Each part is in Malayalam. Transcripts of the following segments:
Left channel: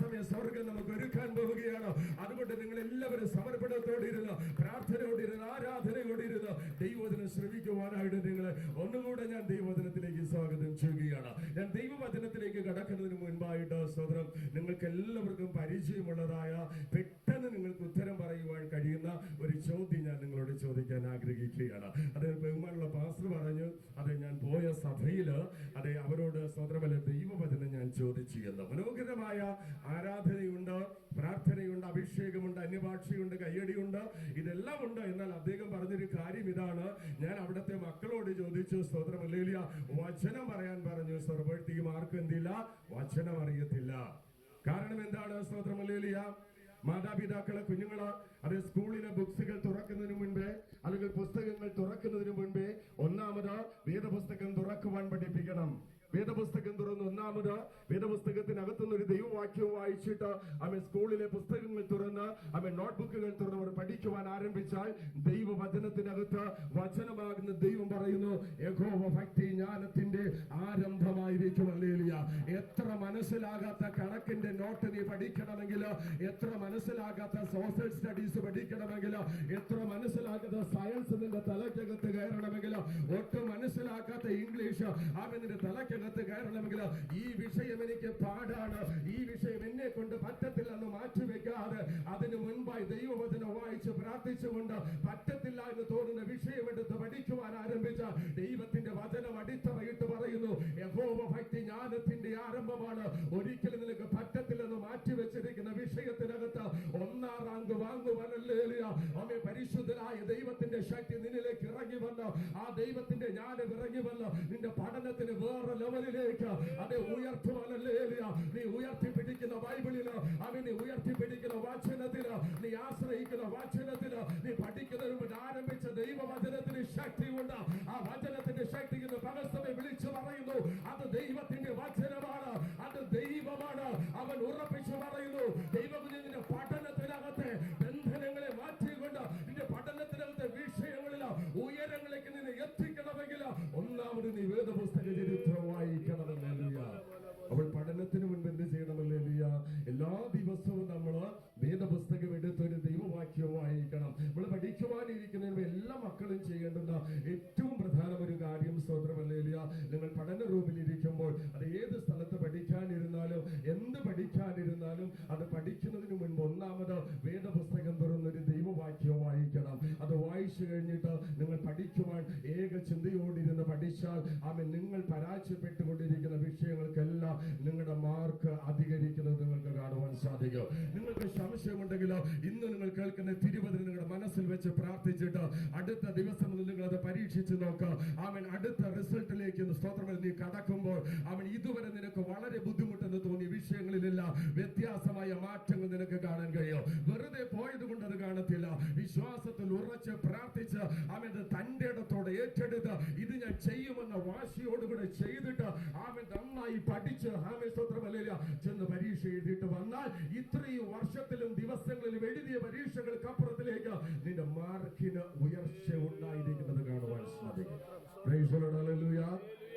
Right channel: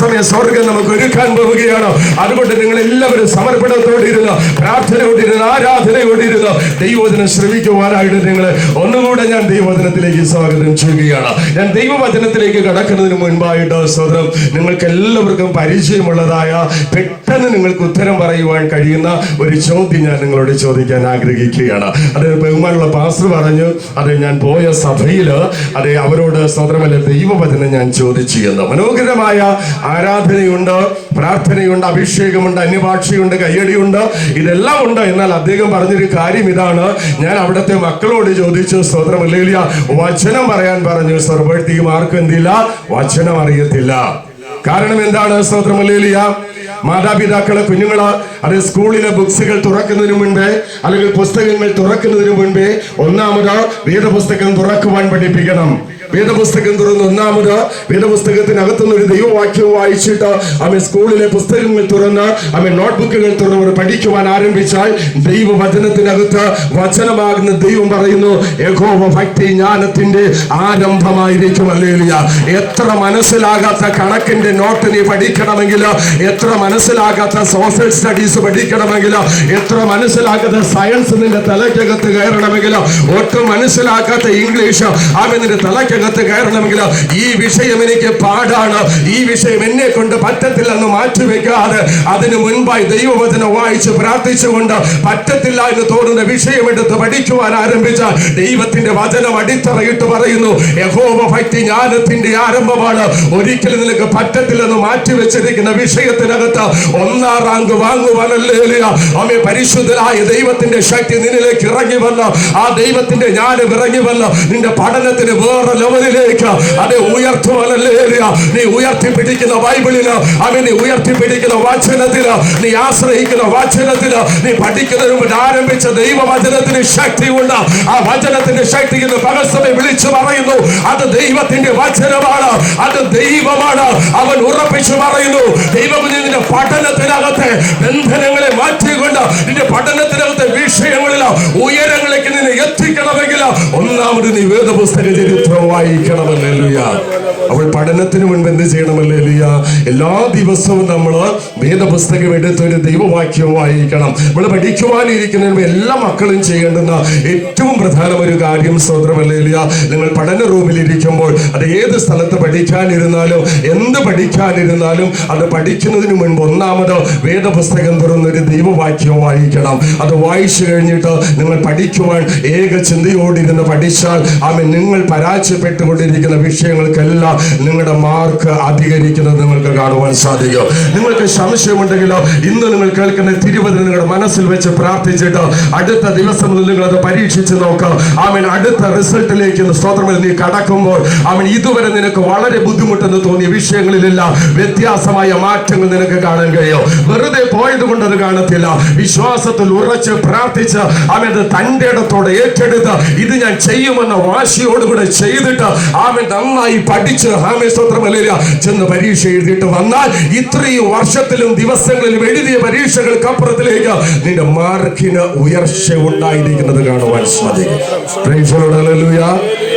സമയ സ്വർഗം നമുക്ക് ഒരുക്കാൻ പോവുകയാണ്. അതുകൊണ്ട് നിങ്ങൾ എല്ലാവരും സമർപ്പണത്തോടിരുന്ന് പ്രാർത്ഥനയോടിരുന്ന് ആരാധനയോടിരുന്ന് ദൈവവചനം ശ്രമിക്കുവാനായിട്ട് നിങ്ങൾ ഒന്നുകൂടെ ഞാൻ ദൈവവചനത്തിലേക്ക് സ്വാഗതം ചെയ്യുകയാണ്. ഞാൻ ദൈവവചനത്തിലേക്ക് കടക്കുന്നതിന് മുൻപായിട്ട് സ്വതം നിങ്ങൾക്ക് എല്ലാവർക്കും പരിചയമുള്ളതായ പെട്ടെന്ന് നിങ്ങൾക്ക് ഉത്തരം പറയുവാൻ കഴിയുന്ന ഒരു ചോദ്യം ഞാൻ നിങ്ങളോട് ചോദിക്കാൻ ആഗ്രഹിക്കുകയാണ്. അത് ബഹുമാനുള്ള പാസ്റ്റർ പറഞ്ഞു അത് ഞാൻ പോയ സഭയിൽ അത് അവരോട് സ്വതമല്ല ദൈവവചനം ഞാൻ ചോദിച്ചു എന്ന്. മനോഹരമായ ആരാധനയുണ്ട് പ്രാർത്ഥനയുണ്ട് അഭിഷേകമുണ്ട് അന്യഭാഷയുണ്ട് കയ്യടിയുണ്ട് ഇതെല്ലാം ഉണ്ട്. എന്നാൽ അദ്ദേഹം പറഞ്ഞൊരു കാര്യം ഇതാണ്. ഞാൻ അവിടുത്തെ മക്കളോട് ചോദിച്ചു സ്തോത്രമല്ലേലിയ വചനം പറയാൻ പറഞ്ഞു. സർവഴ്ത്തിയും ആർക്കും എന്തില്ല വചനം അറിയത്തില്ല. കാരണം എന്താണ് സ്തോത്രമല്ലേലിയ മാതാപിതാക്കളെ കുഞ്ഞുങ്ങൾ അത് സ്കൂളിലെ ബുക്സുകൾ തുറക്കുന്നതിന് മുൻപേ അല്ലെങ്കിൽ പുസ്തകങ്ങൾ തുറക്കുന്നതിന് മുൻപേ ഒന്നാമത് വേദപുസ്തകം തുറക്കുവാൻ പഠിപ്പിക്കണം. വേദപുസ്തകം തുറന്ന് ഒന്നാമത് വേദപുസ്തകത്തിനകത്തുനിന്ന് ഒരു ദൈവവാക്യം വായിച്ചിട്ട് അവൻ സ്കൂളിലെ പുസ്തകങ്ങൾ തുറന്ന് അവൻ നോട്ട്ബുക്കുകൾ തുറന്ന് പഠിക്കുവാൻ ആരംഭിച്ചാൽ ദൈവവചനത്തിനകത്ത് വചനമാകുന്ന ദൈവം പറയുന്നു യഹോവ ഭക്തി ജ്ഞാനത്തിന്റെ ആരംഭമായിരിക്കും. അല്ലേലിയ എത്ര മനസ്സിലാകാത്ത കണക്കിന്റെ നോട്ട് നീ പഠിക്കണമെങ്കിൽ എത്ര മനസ്സിലാകാത്ത സോഷ്യൽ സ്റ്റഡീസ് പഠിക്കണമെങ്കിൽ എത്ര മനസ്സിലാകാത്ത സയൻസ് നിന്റെ തലയ്ക്കകത്ത് കയറണമെങ്കിൽ ഒട്ടും മനസ്സിലാക്കാത്ത ഇംഗ്ലീഷ് അവൻ നിന്റെ തലയ്ക്കകത്ത് കയറണമെങ്കിൽ ഈ വിഷയം എനിക്ക് പാടാണ്. ഈ വിഷയം എന്നെ കൊണ്ട് പറ്റത്തില്ലെന്ന് മാറ്റിവെക്കാതെ അതിന് മുൻപായി ദൈവവചനം വായിച്ച് പ്രാർത്ഥിച്ചുകൊണ്ട് പറ്റത്തില്ല എന്ന് തോന്നുന്ന വിഷയം എടുത്ത് പഠിക്കുവാൻ ആരംഭിച്ച ദൈവത്തിന്റെ വചനം അടിത്തറയിട്ട് പറയുന്നു യഹോവ ഭക്തി ജ്ഞാനത്തിന്റെ ആരംഭമാണ്. ഒരിക്കലും നിനക്ക് പറ്റത്തില്ലെന്ന് മാറ്റിവെച്ചിരിക്കുന്ന വിഷയത്തിനകത്ത് ഒന്നാം റാങ്ക് വാങ്ങുവാനല്ലേ അമ്മേ പരിശുദ്ധനായ ദൈവത്തിന്റെ ശക്തി നിന്നിലേക്ക് ഇറങ്ങി വന്ന് ആ ദൈവത്തിന്റെ ജ്ഞാനം ഇറങ്ങി വന്ന് നിന്റെ പഠനത്തിന് വേറെ ലെവലിലേക്ക് അതെ ഉയർത്തുവാനല്ലേ നീ ഉയർത്തിപ്പിടിക്കുന്ന ബൈബിളിൽ അവൻ നീ ഉയർത്തിപ്പിടിക്കുന്ന വാചനത്തിന് നീ ആശ്രയിക്കുന്ന വാചനത്തിന് നീ പഠിക്കുന്നതിന് മുമ്പ് ആരംഭിച്ച ദൈവവചനത്തിന് ശക്തിയുണ്ട് ആ വചനത്തിന്റെ ശക്തി എന്ന് പകൽസമയം വിളിച്ചു പറയുന്നു. അത് ദൈവത്തിന്റെ വചനമാണ്. അത് ദൈവമാണ്. അവൻ ഉറപ്പിച്ചു പറയുന്നു. ദൈവം നിന്റെ പഠനത്തിനകത്തെ ബന്ധനങ്ങളെ മാറ്റിക്കൊണ്ട് നിന്റെ പഠനത്തിനകത്തെ ഒന്നാമത് നിവേദ പുസ്തക ചരിത്രം വായിക്കണമല്ലേലുയ അവൾ പഠനത്തിന് മുൻപ് എന്ത് ചെയ്യണമല്ലേലുയ എല്ലാ ദിവസവും നമ്മൾ വേദപുസ്തകം എടുത്ത് ഒരു ദൈവവാക്യം വായിക്കണം. നമ്മൾ പഠിക്കുവാനിരിക്കുന്നതിന് മുമ്പ് എല്ലാ മക്കളും ചെയ്യേണ്ടുന്ന ഏറ്റവും പ്രധാന ഒരു കാര്യം സ്വതന്ത്രമല്ലേലുയ നിങ്ങൾ പഠന റൂമിൽ ഇരിക്കുമ്പോൾ അത് ഏത് സ്ഥലത്ത് പഠിക്കാനിരുന്നാലും എന്ത് പഠിക്കാനിരുന്നാലും അത് പഠിക്കുന്നതിന് മുൻപ് ഒന്നാമത് വേദപുസ്തകം തുറന്നൊരു ദൈവവാക്യം വായിക്കണം. അത് വായിച്ചു കഴിഞ്ഞിട്ട് നിങ്ങൾ പഠിക്കുവാൻ ഏക ചിന്തയോടിരുന്ന് പഠിച്ചാൽ ആമേ നിങ്ങൾ പരാജയപ്പെട്ടുകൊണ്ടിരിക്കുന്ന വിഷയങ്ങൾക്കെല്ലാം നിങ്ങളുടെ മാർക്ക് അധികരിക്കുന്നത് നിങ്ങൾക്ക് കാണുവാൻ സാധിക്കും. നിങ്ങൾക്ക് സംശയമുണ്ടെങ്കിലോ ഇന്ന് നിങ്ങൾ കേൾക്കുന്ന തിരുവതിന് നിങ്ങളുടെ മനസ്സിൽ വെച്ച് പ്രാർത്ഥിച്ചിട്ട് അടുത്ത ദിവസം നിങ്ങൾ അത് പരീക്ഷിച്ച് നോക്കാം. ആമൻ അടുത്ത റിസൾട്ടിലേക്ക് സ്തോത്രത്തിൽ നീ കടക്കുമ്പോൾ അവൻ ഇതുവരെ നിനക്ക് വളരെ ബുദ്ധിമുട്ടെന്ന് തോന്നിയ വിഷയങ്ങളിലെല്ലാം വ്യത്യാസമായ മാറ്റങ്ങൾ നിനക്ക് കാണാൻ കഴിയും. വെറുതെ പോയത് കൊണ്ട് അത് കാണത്തില്ല. വിശ്വാസത്തിൽ ഉറച്ച് പ്രാർത്ഥിച്ച് അവൻ അത് തന്റെ ഇടത്തോടെ ഏറ്റെടുത്ത് ഇത് ഞാൻ ചെയ്യുമെന്ന വാശിയോടുകൂടെ ചെയ്തിട്ട് ആമേ നന്നായി പഠിച്ച് ആമേ സ്തോത്രമല്ല ചെന്ന് പരീക്ഷ എഴുതിയിട്ട് വന്നാൽ ഇത്രയും വർഷത്തിലും ദിവസങ്ങളിലും എഴുതിയ പരീക്ഷകൾക്കപ്പുറത്തിലേക്ക് നിന്റെ മാർക്കിന് ഉയർച്ച ഉണ്ടായിരിക്കുന്നത് കാണുവാൻ സാധിക്കും.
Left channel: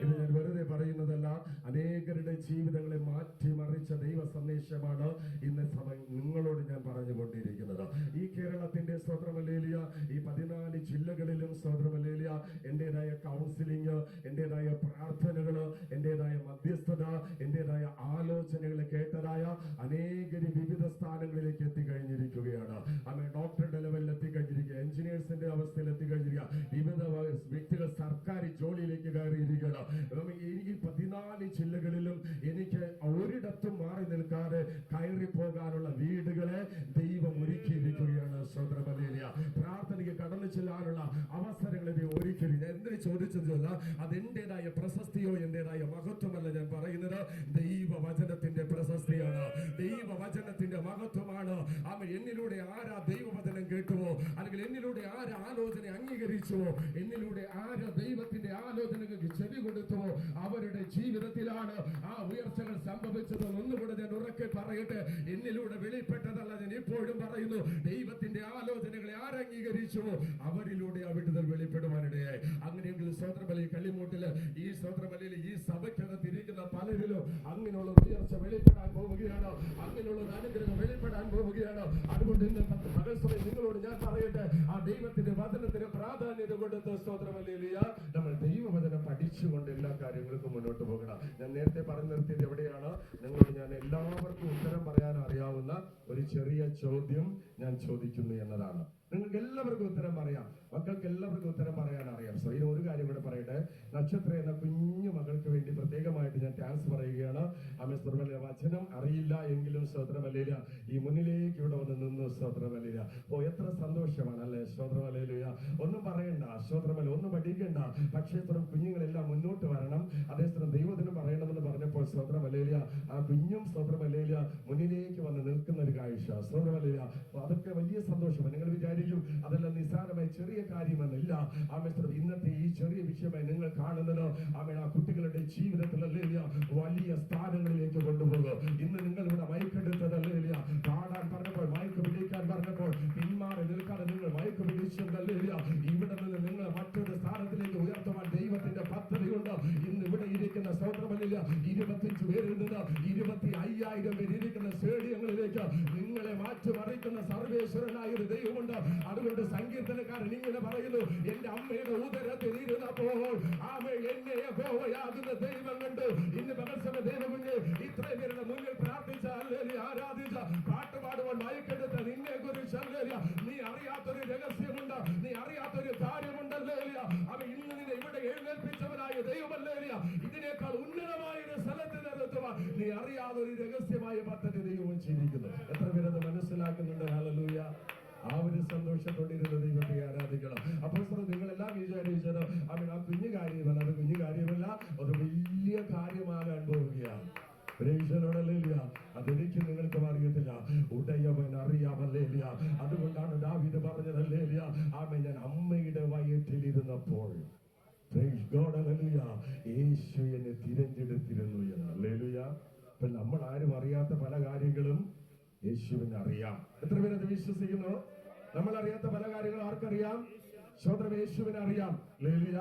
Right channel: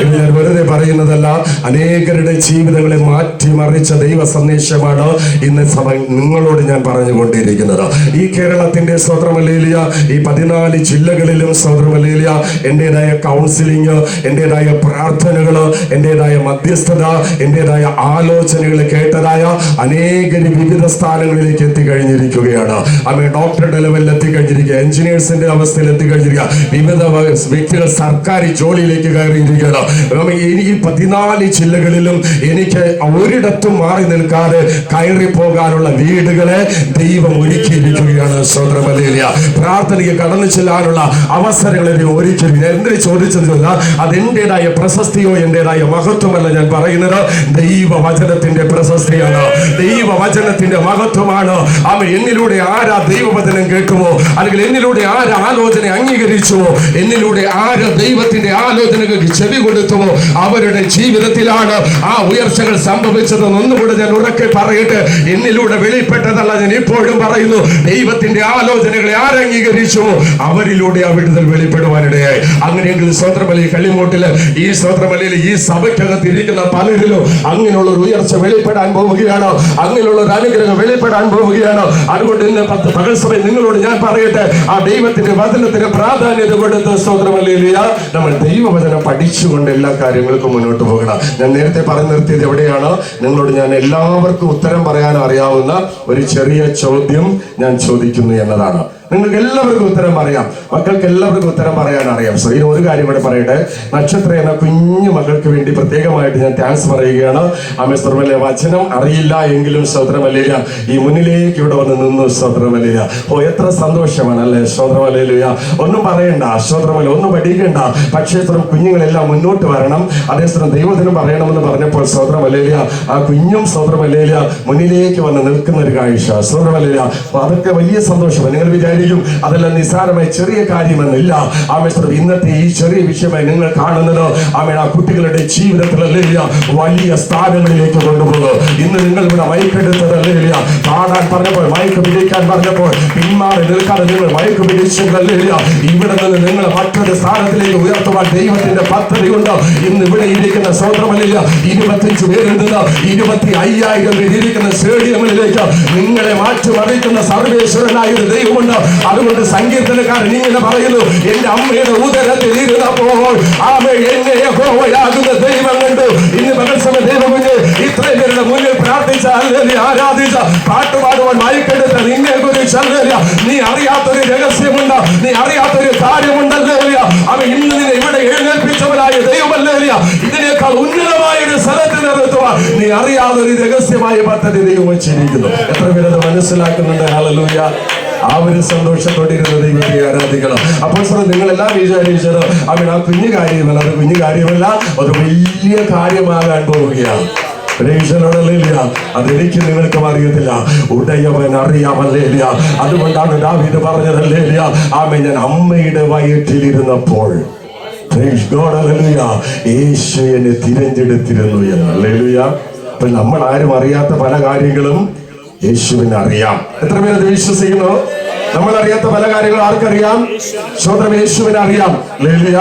ഇത് ഞാൻ വെറുതെ പറയുന്നതല്ല അനേകരുടെ ജീവിതങ്ങളെ മാറ്റിമറിച്ച ദൈവ സന്ദേശമാണ് ഇന്ന് സഭ നിങ്ങളോട് ഞാൻ പറഞ്ഞുകൊണ്ടിരിക്കുന്നത്. ഈ കേരളത്തിന്റെ സ്വതന്ത്രമല്ലേലിയ ഈ പതിനാല് ജില്ലകളിലും സ്വതന്ത്രമല്ലേലിയ എന്റേതായ കൗൺസിലിംഗ് എന്റേതായ പ്രാർത്ഥനകൾ എന്റേതായ മധ്യസ്ഥത എന്റേതായ ആലോചനകൾ കേട്ടതായ അനേകർ വിവിധ സ്ഥാനങ്ങളിലേക്ക് എത്തിക്കഴിഞ്ഞിരിക്കുകയാണ്. അമ്മ ഡോക്ടറുടെ ലെവലിൽ എത്തിക്കഴിഞ്ഞിരിക്കുക എഞ്ചിനീയേഴ്സിന്റെ അവസ്ഥയിൽ എത്തിക്കഴിഞ്ഞിരിക്കുക വിവിധ വ്യക്തികൾ സർക്കാർ ജോലിയിലേക്ക് കയറിയിരിക്കുകയാണ്. ഈ പതിനാല് ജില്ലകളിലും എനിക്ക് ഒരിടത്തും മാറി നിൽക്കാതെ കയറി പോകാനുള്ള വീടുകളെ ദൈവം ഒരുക്കിയിരിക്കുകയാണ് സ്വതന്ത്രമല്ലേലിയ പ്രാർത്ഥനയ്ക്ക് കടന്നു ചെല്ലാനുള്ള അവസരങ്ങളെ ദൈവം ഒരുക്കി എന്തിനു ചോദിച്ചതില്ല അത് എന്റേതായ പ്രശസ്തിയോ എന്റേതായ മഹത്വമല്ല ഞാൻ പറയുന്നത്. ദൈവവചനത്തിന്റെ പ്രശസ്തിയാണ്. ദൈവവചനത്തിന്റെ മഹത്വമാണ്. അവ എന്നിലൂടെ ആരാ ദൈവവചനം കേൾക്കുമോ? അല്ലെങ്കിൽ എന്നിലൂടെ ആരാ ആലോചന അംഗീകരിച്ചുവോ? എന്നിലൂടെ ആര് ദൈവത്തിന്റെ ആലോചനകൾക്ക് ചെവി കൊടുത്തുവോ അവരുടെ ജീവിതത്തിലാണ് ആ ഉയർച്ചകൾ സംഭവിച്ചതെന്ന് ഒന്നുകൂടെ ഞാൻ ഉറക്കെ പറയട്ടെ. എന്നിലൂടെ വെളിപ്പെട്ടതല്ല ഞാൻ ഇപ്പോഴും പറയുന്നു. ദൈവത്തിന്റെ ആലോചനകളെ ആരംഗീകരിച്ചുവോ അവരിലൂടെ ആ വിടുതൽ വെളിപ്പെടുവാനിടയായി. അങ്ങനെയെങ്കിൽ സ്വത്രമലി കള്ളിമോട്ടിൽ ഈ സ്വത്രമലയിൽ ഈ സഭയ്ക്കകത്ത് ഇരിക്കുന്ന പലരിലും അങ്ങനെയുള്ള ഒരു ഉയർച്ച വെളിപ്പെടാൻ പോവുകയാണോ. അങ്ങനെയുള്ള ഒരു അനുഗ്രഹം വെളിപ്പെടാൻ പോവുകയാണോ. അതുകൊണ്ട് ഇന്ന് പത്ത് പകൽ സഭ നിങ്ങളോട് ഞാൻ പറയട്ടെ. ആ ദൈവത്തിന്റെ വചനത്തിന് പ്രാധാന്യത കൊടുത്ത് സ്വത്രമലയിലിയ നമ്മൾ ദൈവവചനം പഠിച്ചുകൊണ്ട് എല്ലാ കാര്യങ്ങൾക്കും മുന്നോട്ട് പോകണം. ഞാൻ നേരത്തെ പറഞ്ഞു നിർത്തിയത് എവിടെയാണ്? നിങ്ങളോട് ഞാൻ എല്ലാവർക്കും ഉത്തരം പറയാൻ അറിയാവുന്ന ഒരു ചെറിയ ചോദ്യം ഞാൻ ചോദിക്കുന്നു എന്നതാണ്. നിങ്ങൾക്ക് എല്ലാവർക്കും ഉത്തരം അറിയാം മക്കൾക്ക് എല്ലാവർക്കും ഉത്തരം പറയാൻ അറിയാം സോ ഇനി ഒരു കാര്യം ഇവിടെ പറയട്ടെ. നക്ഷത്ര എന്ന കുഞ്ഞു മക്കൾക്ക് വേണ്ടി പ്രത്യേകമായിട്ട് ഞാൻ താങ്ക്സ് പറയുകയാണ്. ആമേ സ്വർമല്യ വചനം അറിയില്ല എങ്കിലും സ്തോത്രമല്ലിയ ഈ മുന്നിലേക്ക് ഇവിടെ വന്ന് നിന്നു സ്തോത്രമല്ലിയ ഓ എത്ര സന്തോഷമാണ് അല്ലേ സ്തോത്രമല്ലിയ ഒന്നും പറയണ്ട. സ്തോത്രമല്ല ഒന്നും പഠിക്കണ്ട. പക്ഷേ സ്ത്രം കുഞ്ഞുങ്ങളെല്ലാം മുന്നോട്ട് വരണം. അതേസരം ദൈവത്തിനും പറയണമെന്ന് പറഞ്ഞപ്പോൾ സ്തോത്രമല്ലിയ ആ കുഞ്ഞും സ്തോത്രമല്ലിയ മുന്നിലേക്ക് വന്ന് നിൽക്കുന്ന ഒരു കാഴ്ച സ്തോത്രമല്ലിയ അപ്പൊ അതൊക്കെ വലിയ സന്തോഷമാണ്. നിങ്ങൾ വിചാരിക്കും അതെല്ലാം നിസ്സാരമായ ചെറിയ കാര്യമെന്നില്ല ആമേശ്വരം ഇന്നത്തെ ഈ ചെറിയ വിഷയമായി നിങ്ങൾ കാണുന്നത് ആമേ ആ കുട്ടികളുടെ ജീവിതത്തിലല്ല വലിയ സ്ഥാനങ്ങളിലേക്ക് കൊണ്ടുപോകും ഇന്ന് നിങ്ങൾ ഇവിടെ മയക്കെടുത്തതല്ല പാടാൻ പറഞ്ഞപ്പോൾ മയക്ക് പിടിക്കാൻ പറഞ്ഞപ്പോൾ പിന്മാറി നിൽക്കാതെ നിങ്ങൾ മയക്ക് പിടിച്ചതല്ല ഇവിടെ നിന്ന് നിങ്ങൾ മറ്റൊരു സ്ഥാനത്തിലേക്ക് ഉയർത്തുവാൻ ദൈവത്തിന്റെ പദ്ധതി ഉണ്ട് ഇന്ന് ഇവിടെ ഇരിക്കുന്ന സ്വതന്ത്രമല്ല ഇരുപത്തിയഞ്ച് പേരുണ്ട് ഇരുപത്തി അയ്യായിരം പേരിരിക്കുന്ന സ്റ്റേഡിയങ്ങളിലേക്ക് നിങ്ങളെ മാറ്റിമറിക്കുന്ന സർവേശ്വരനായ ഒരു ദൈവമുണ്ട്. അതുകൊണ്ട് സങ്കീർത്തനക്കാരൻ ഇങ്ങനെ പറയുന്നു എന്റെ അമ്മയുടെ ഉദരത്തിൽ ഇരുന്നപ്പോൾ ആമ എന്നെ യഹോവയാകുന്ന ദൈവം കണ്ടു. ഇന്ന് പകൽസമ ദൈവം ഇത്രയും പേരുടെ മുന്നിൽ പ്രാർത്ഥിച്ച അല്ലെങ്കിൽ ആരാധിച്ച പാട്ടുപാടുവാൻ മയക്കെടുത്ത നിന്നെ കുറിച്ചല്ല നീ അറിയാത്തൊരു രഹസ്യമുണ്ട് നീ അറിയാത്തൊരു കാര്യമുണ്ടല്ലേ അവ ഇന്ന് നിന്നെ ഇവിടെ എഴുന്നേൽപ്പിച്ചവനായ ദൈവമല്ലേ ഇതിനേക്കാൾ ഉന്നതമായ ഒരു സ്ഥലത്ത് നിർത്തുവാൻ നീ അറിയാതൊരു രഹസ്യമായ പദ്ധതി ദൈവം വെച്ചിരിക്കുന്നു. എത്ര പേരത് മനസ്സിലാക്കുന്നുണ്ട്? ഹല്ലേലൂയ. ആ ഒരു സന്തോഷത്തോടെ ഇരുന്ന ദൈവത്തെ ആരാധിക്കണം അപ്പോൾ സാർ നിങ്ങൾ എല്ലാം വിചാരിച്ചത് അവൻ ആ കുഞ്ഞു കാര്യമല്ല അത് കുഞ്ഞു കാര്യമല്ല അത് വലിയ കാര്യമാകാൻ പോവുകയാണ്. അതെനിക്ക് നിങ്ങൾക്ക് അറിയത്തില്ല ഉടയവൻ അറിയാമല്ലേല അതുകൊണ്ടാണ് ദാവീദ് പറഞ്ഞതല്ലേല ആമ ഞാൻ അമ്മയുടെ വയറ്റിലിരുന്നപ്പോൾ. യേശു എന്നെ തിരഞ്ഞെടുത്തിരുന്നു എന്ന്. ഹല്ലേലൂയ. അപ്പൊ നമ്മൾ ആരും അറിയാത്ത പല കാര്യങ്ങളും യേശുവിന് അറിയാം എത്ര പേരത് വിശ്വസിക്കുന്നു? നമ്മൾ അറിയാത്ത പല കാര്യങ്ങളും ആർക്കറിയാം? സ്വന്തം യേശുവിനെ അറിയാം ലേലിയ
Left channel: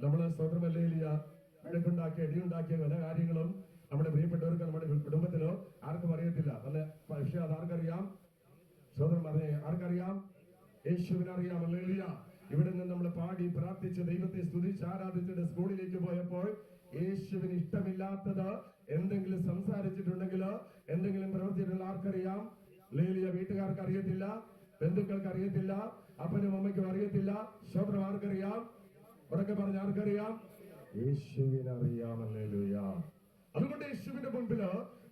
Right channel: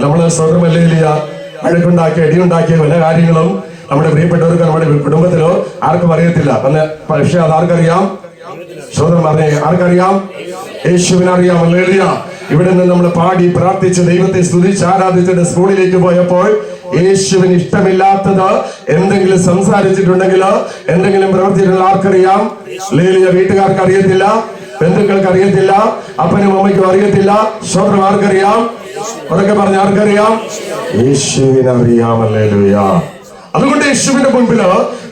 നമ്മൾ സ്വന്തം ലേലിയ? അഴക്കുണ്ടാക്കിയ അടിയുണ്ടാക്കിയ പല കാര്യങ്ങളും നമ്മുടെ പ്രിയപ്പെട്ടവർക്ക് നമ്മുടെ കുടുംബത്തിലോ ആർക്കും അറിയത്തില്ല. നല്ല പക്ഷെ അത് ആർക്കറിയാം? സ്വന്തം പറഞ്ഞേ ആർക്കറിയാം? യേശുവിനെ അറിയാം ലേലിയ. ഇവിടെ നിന്ന് നമ്മൾ പാടി പ്രാർത്ഥിച്ച് ദൈവത്തെ സ്തുതിച്ച് ആരാധിച്ചിട്ട് സ്കൂളിലേക്ക് പോയപ്പോൾ യേശുവിന് ഇഷ്ടമില്ലാത്തത് എന്തെങ്കിലും സംസാരിച്ചിട്ടുണ്ടെങ്കിലോ എന്തെങ്കിലും പ്രവർത്തിച്ചിട്ടുള്ള ആർക്കറിയാം? ലേലിയ വീട്ടുകാർക്ക് അറിയത്തില്ല ബന്ധുക്കൾക്ക് അറിയത്തില്ല അപ്പനും അമ്മയ്ക്കും അറിയത്തില്ല സ്വന്തം ആർക്കറിയാം? ഉറക്കെ പറഞ്ഞ ആർക്കറിയാം? യേശുവിന് അറിയാമല്ലേലുയ അതുകൊണ്ട് യേശുവിന്റെ മുൻപിൽ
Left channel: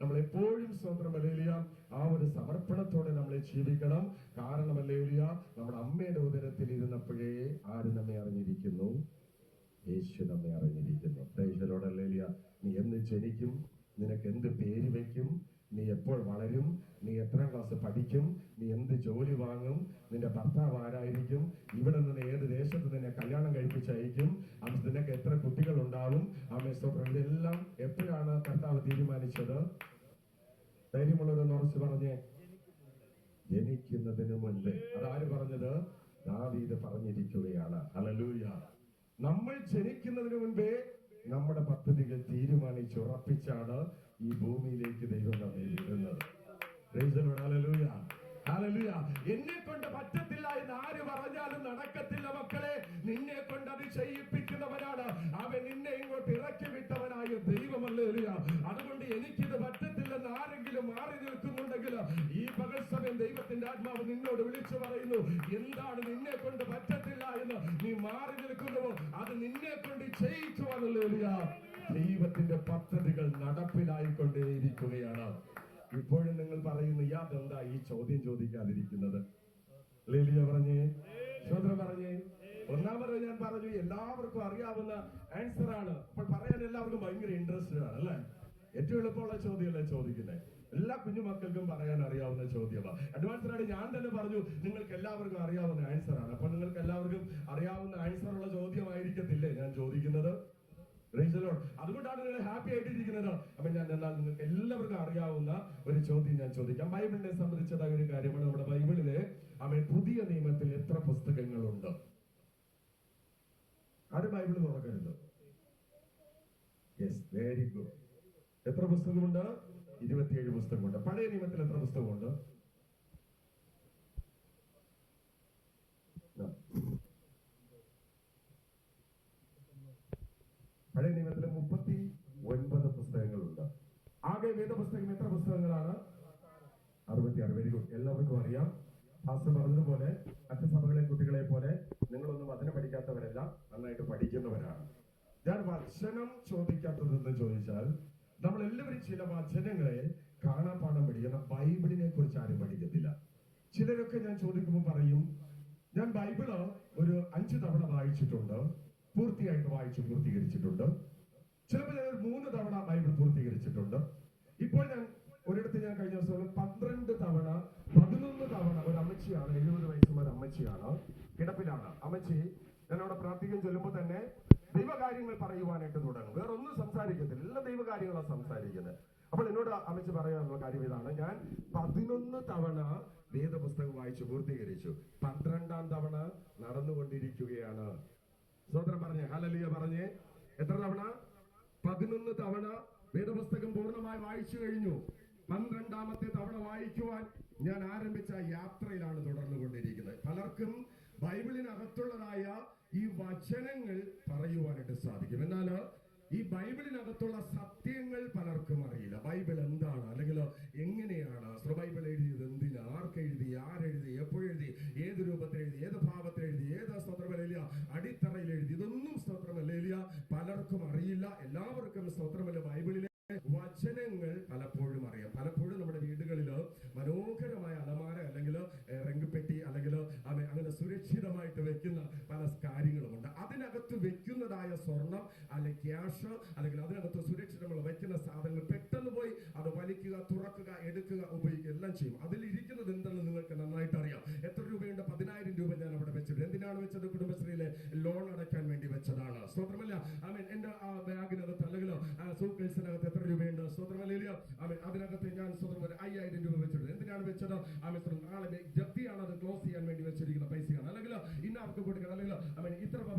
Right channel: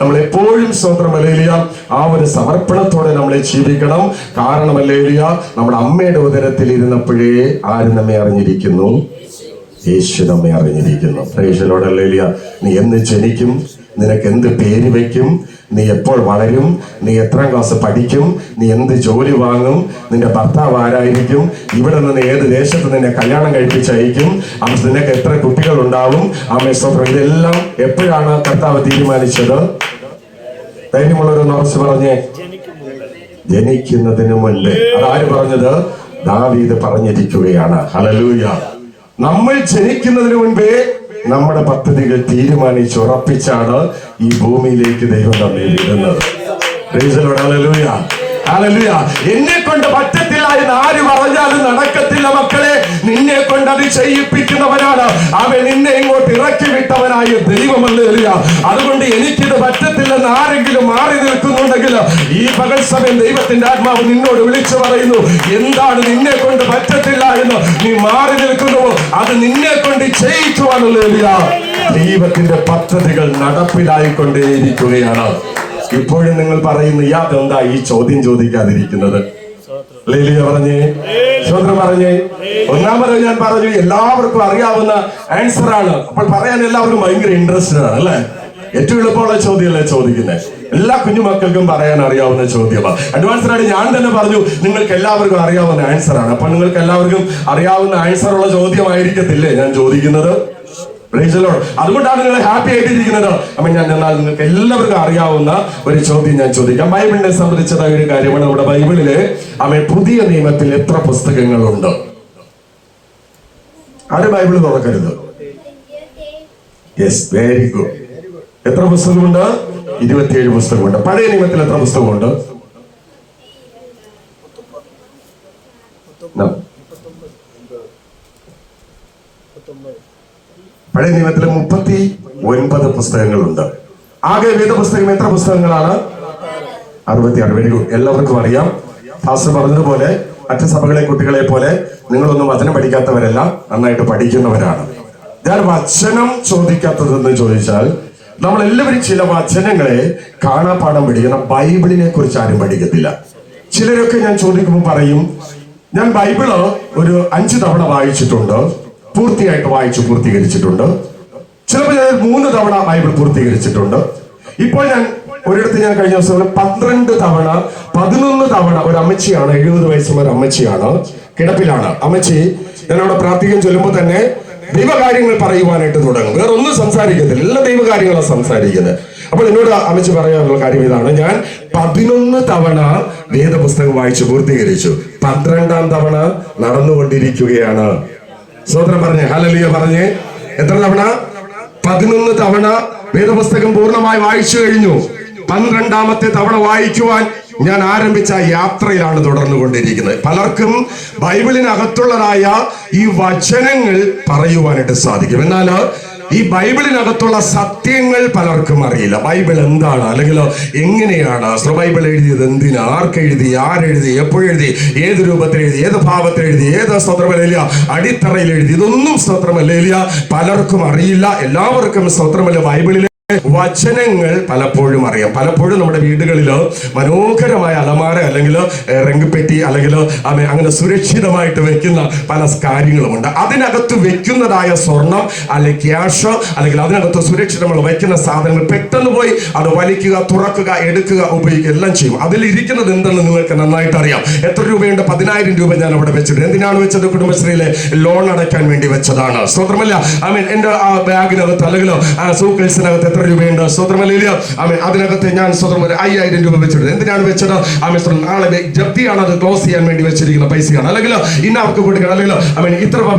നമ്മൾ എപ്പോഴും സ്വന്തമല്ലേലിയ ആ ഒരു സമർപ്പണത്തോടെ നമ്മളെ ജീവിക്കണം. കാരണമല്ലേലിയ നമ്മുടെ അമ്മയുടെ ഉദരത്തിൽ ഇരുന്നപ്പോഴേ ആരും നമ്മെ അറിഞ്ഞിരിക്കുന്നു? യേശു നമ്മെ അറിഞ്ഞിരിക്കുന്നു. പ്രേക്ഷലോടല്ലേലിയ നീ എന്ന് ജനിക്കും നിനക്ക് എന്ത് പേര് വയ്ക്കും നീ എപ്പോൾ വളരും നീ എത്രാം ക്ലാസ് പഠിക്കും നീ എന്ത് ജോലി വാങ്ങും നിന്റെ ഭർത്താവ് ആരായിരിക്കും ഇവിടെ നിന്ന് ഏത് ദേശത്ത് നിന്നെ കല്യാണം കഴിപ്പിച്ചയക്കും അവർ നിനക്ക് എത്ര കുട്ടികൾ ഉണ്ടാവും ആ മെസ്സോത്രം ഇതെല്ലാം എപ്പോഴാണ് കർത്താവ് തീരുമാനിച്ചത്? ധൈര്യമുള്ളവർ ഉറച്ചു പറഞ്ഞേ. ജനിക്കുന്നതിന് മുൻപ്. അതാര് പറഞ്ഞത്? ദാവീദ് പറഞ്ഞിരിക്കുകയാണ്. ഹലലൂയ നമ്മൾ ജനിക്കുന്നതിന് മുൻപേ നമ്മുടെ പദ്ധതികൾ തീരുമാനിച്ചുറപ്പിച്ചാണ് ഈ ഭൂമിയിലേക്ക് ദൈവം നമ്മെ വിടുന്നത്. എന്നെ കൊണ്ട് പറ്റത്തില്ല എന്ന് ആര് പറഞ്ഞാലും നടക്കത്തില്ല മക്കളെ. നിന്നെ കൊണ്ട് അത് ചെയ്യിപ്പിക്കുന്നവനാണ്. അവൻ നിന്നെ ഇങ്ങോട്ട് ഇറക്കി വിട്ടവനായ ദൈവമല്ല അതുകൊണ്ട് എനിക്കിത് പറ്റത്തില്ലെന്ന് ആരെങ്കിലും മാറി നിൽക്കുന്നുണ്ടെങ്കിൽ ഈ പകൽ സമയം ദൈവത്തിന്റെ ആത്മാവ് നിന്നോട് വിളിച്ചു പറയുന്നു എന്താണ് നിന്നെ കൊണ്ട് പറ്റത്തില്ല എന്ന് നീ മാറി നിൽക്കുന്നുവോ? അത് നിന്നെ കൊണ്ട് ചെയ്യിക്കുവാനുള്ള ദൈവത്തിന്റെ പദ്ധതികൾ നടപ്പിലായിക്കൊണ്ടേയിരിക്കുകയാണ്. ഇപ്പോഴും നിങ്ങൾ പറയുന്നു യാതെന്താ ഈ ചോദ്യം ചോദിക്കാതിരിക്കുന്നത്? ലേലിയ പറഞ്ഞേ. ചോദ്യം പറഞ്ഞേ. ഒന്നാമത് ഞാൻ പറഞ്ഞു എല്ലാവർക്കും അറിയാവുന്ന ആൻസർ ആണ്. അപ്പോൾ പറയാൻ എല്ലാവർക്കും ഭയങ്കര ഇൻട്രസ്റ്റഡ് ആണ് അല്ലെ? ഏറ്റവും എളുപ്പമുള്ള ചോദ്യമല്ലേ ചോദിക്കുന്നത് എല്ലാ കുഞ്ഞുമക്കൾക്കും പറയാൻ അറിയാവുന്ന ചോദ്യമാണ്. അഡ്വാൻസ് ആയിട്ട് ഞാൻ തന്നെ പറഞ്ഞു നിങ്ങൾക്ക് എല്ലാവർക്കും അറിയാവുന്ന ആൻസർ ആണ്. അപ്പൊ നിങ്ങൾക്ക് എല്ലാവർക്കും അറിയാവുന്ന ആൻസർ ഉള്ള ചോദ്യമായിരിക്കത്തില്ലേ ഞാൻ ചോദിക്കുന്നത്. അതുകൊണ്ടാണ് നിങ്ങൾ ഹാപ്പി ആയിട്ടിരിക്കുന്നത്. അപ്പൊ ഞാൻ എന്നാൽ നിങ്ങൾക്ക് എല്ലാവർക്കും അറിയാവുന്ന ഒരു ചോദ്യം ഞാൻ ചോദിക്കാം. ബൈബിളിനെ സംബന്ധിച്ചതായ ഒരു കാര്യമാണ് നമ്മുടെ ബൈബിളിൽ. അമ്മ പുതിയ നിയമത്തിൽ എത്ര പുസ്തകങ്ങളുണ്ട്? ആരും ബൈബിൾ തുറക്കരുത്? യെസ് വെരി ഗുഡ് എത്ര പുസ്തകമുണ്ട്? ഇരുപത്തിയേഴ് പുസ്തകമുണ്ട്. പഴയ നിയമത്തിൽ എത്ര പുസ്തകമുണ്ട്. പഴയ നിയമത്തിലെ മുപ്പത്തി ഒൻപത് പുസ്തകങ്ങളുണ്ട്. ആകെ വേദപുസ്തകം എത്ര പുസ്തകങ്ങളാണ്? അറുപത്തിയാറ്. വെരി ഗുഡ് എല്ലാവർക്കും അറിയാം. ഫാസ്റ്റർ പറഞ്ഞതുപോലെ മറ്റു സഭകളെ കുട്ടികളെ പോലെ നിങ്ങളൊന്നും വചനം പഠിക്കാത്തവരല്ല നന്നായിട്ട് പഠിക്കുന്നവരാണ്. ഞാൻ വചനം ചോദിക്കാത്തതെന്ന് ചോദിച്ചാൽ നമ്മൾ എല്ലാവരും ചില വചനങ്ങളെ കാണാപ്പാടം പഠിക്കണം. ബൈബിളിനെ കുറിച്ച് ആരും പഠിക്കത്തില്ല. ചിലരൊക്കെ ഞാൻ ചോദിക്കുമ്പോൾ പറയും ഞാൻ ബൈബിൾ ഒരു അഞ്ചു തവണ വായിച്ചിട്ടുണ്ട് പൂർത്തിയായിട്ട് വായിച്ചു പൂർത്തീകരിച്ചിട്ടുണ്ട്. ചിലപ്പോൾ ഞാൻ മൂന്ന് തവണ ബൈബിൾ പൂർത്തീകരിച്ചിട്ടുണ്ട്. ഇപ്പോൾ ഞാൻ ഒരിടത്ത് ഞാൻ കഴിഞ്ഞ ദിവസം പന്ത്രണ്ട് തവണ പതിനൊന്ന് തവണ ഒരു അമ്മച്ചിയാണ് എഴുപത് വയസ്സുള്ള ഒരു അമ്മച്ചിയാണ് കിടപ്പിലാണ്. അമ്മച്ചി ഞാൻ അവിടെ പ്രാർത്ഥിക്കാൻ ചൊല്ലുമ്പോൾ തന്നെ ദൈവകാര്യങ്ങൾ പറയുവാനായിട്ട് തുടങ്ങും. വേറെ ഒന്നും സംസാരിക്കത്തില്ല. എല്ലാ ദൈവകാര്യങ്ങളാണ് സംസാരിക്കുന്നത്. അപ്പോൾ എന്നോട് അമിച്ച് പറയാനുള്ള കാര്യം ഇതാണ്. ഞാൻ പതിനൊന്ന് തവണ വേദപുസ്തകം വായിച്ചു പൂർത്തീകരിച്ചു. പന്ത്രണ്ടാം തവണ നടന്നുകൊണ്ടിരിക്കുകയാണ്. സ്വതന്ത്രം പറഞ്ഞേ ഹലലിയ പറഞ്ഞേ. എത്ര തവണ? പതിനൊന്ന് തവണ വേദപുസ്തകം പൂർണമായി വായിച്ചു കഴിഞ്ഞു. പന്ത്രണ്ടാമത്തെ തവണ വായിക്കുവാൻ ഞാൻ ആരംഭിച്ച യാത്രയിലാണ് തുടർന്നു കൊണ്ടിരിക്കുന്നത് പലർക്കും ബൈബിളിനകത്തുള്ളതായ ഈ വചനങ്ങൾ പറയുവാനായിട്ട് സാധിക്കും. എന്നാൽ ഈ ബൈബിളിനകത്തുള്ള സത്യങ്ങൾ പലർക്കും അറിയില്ല. ബൈബിൾ എന്താണ്? അല്ലെങ്കിൽ എങ്ങനെയാണ്? ബൈബിൾ എഴുതിയത് എന്തിന്? ആർക്കെഴുതി ആരെഴുതി എപ്പോഴെഴുതി ഏത് രൂപത്തിൽ എഴുതി? ഏത് ഭാവത്തിൽ എഴുതി? ഏത് സ്വത്രമല്ല അടിത്തറയിൽ എഴുതി. ഇതൊന്നും സ്തോത്രമല്ല പലർക്കും അറിയില്ല. എല്ലാവർക്കും സ്വത്രമല്ല ബൈബിളിലെ വചനങ്ങൾ പലപ്പോഴും അറിയാം. പലപ്പോഴും നമ്മുടെ വീടുകളിൽ മനോഹരമായ അലമാര അല്ലെങ്കിൽ റെങ്കുപെട്ടി അല്ലെങ്കിൽ അങ്ങനെ സുരക്ഷിതമായിട്ട് വെക്കുന്ന പല കാര്യങ്ങളുമുണ്ട്. അതിനകത്ത് വെക്കുന്നതായ സ്വർണം അല്ലെങ്കിൽ ക്യാഷ് അല്ലെങ്കിൽ അതിനകത്ത് സുരക്ഷിതമായി വെക്കുന്ന സാധനങ്ങൾ പെട്ടെന്ന് പോയി അത് വലിക്കുക തുറക്കുക എടുക്കുക ഉപയോഗിക്കുക എല്ലാം ചെയ്യും. അതിലിരിക്കുന്നത് എന്തെന്ന് നിങ്ങൾക്ക് നന്നായിട്ട് അറിയാം. എത്ര രൂപയുണ്ട്? പതിനായിരം രൂപ ഞാൻ അവിടെ വെച്ചിട്ടുണ്ട്. എന്തിനാണ് വെച്ചത്? കുടുംബശ്രീയിലെ ലോൺ അടയ്ക്കാൻ വേണ്ടി വെച്ചതാണ്. സ്വതന്ത്രമല്ല ഐ മീൻ എന്റെ ആ ബാഗിനകത്ത് അല്ലെങ്കിൽ സൂക്കേഴ്സിനകത്ത് എത്ര രൂപയുണ്ട്? സ്വതന്ത്രമല്ല ആമേ അതിനകത്ത് ഞാൻ സ്വതന്ത്രം ഒരു അയ്യായിരം രൂപ വെച്ചിട്ടുണ്ട്. എന്തിനാണ് വെച്ചത്? ആമേ നാളെ ജപ്തിയാണ് അത് ക്ലോസ് ചെയ്യാൻ വേണ്ടി വെച്ചിരിക്കുന്ന പൈസയാണ്. അല്ലെങ്കിൽ ഇന്ന അവർക്ക് കൊടുക്കണം. അല്ലെങ്കിൽ ആമേ ഇത്ര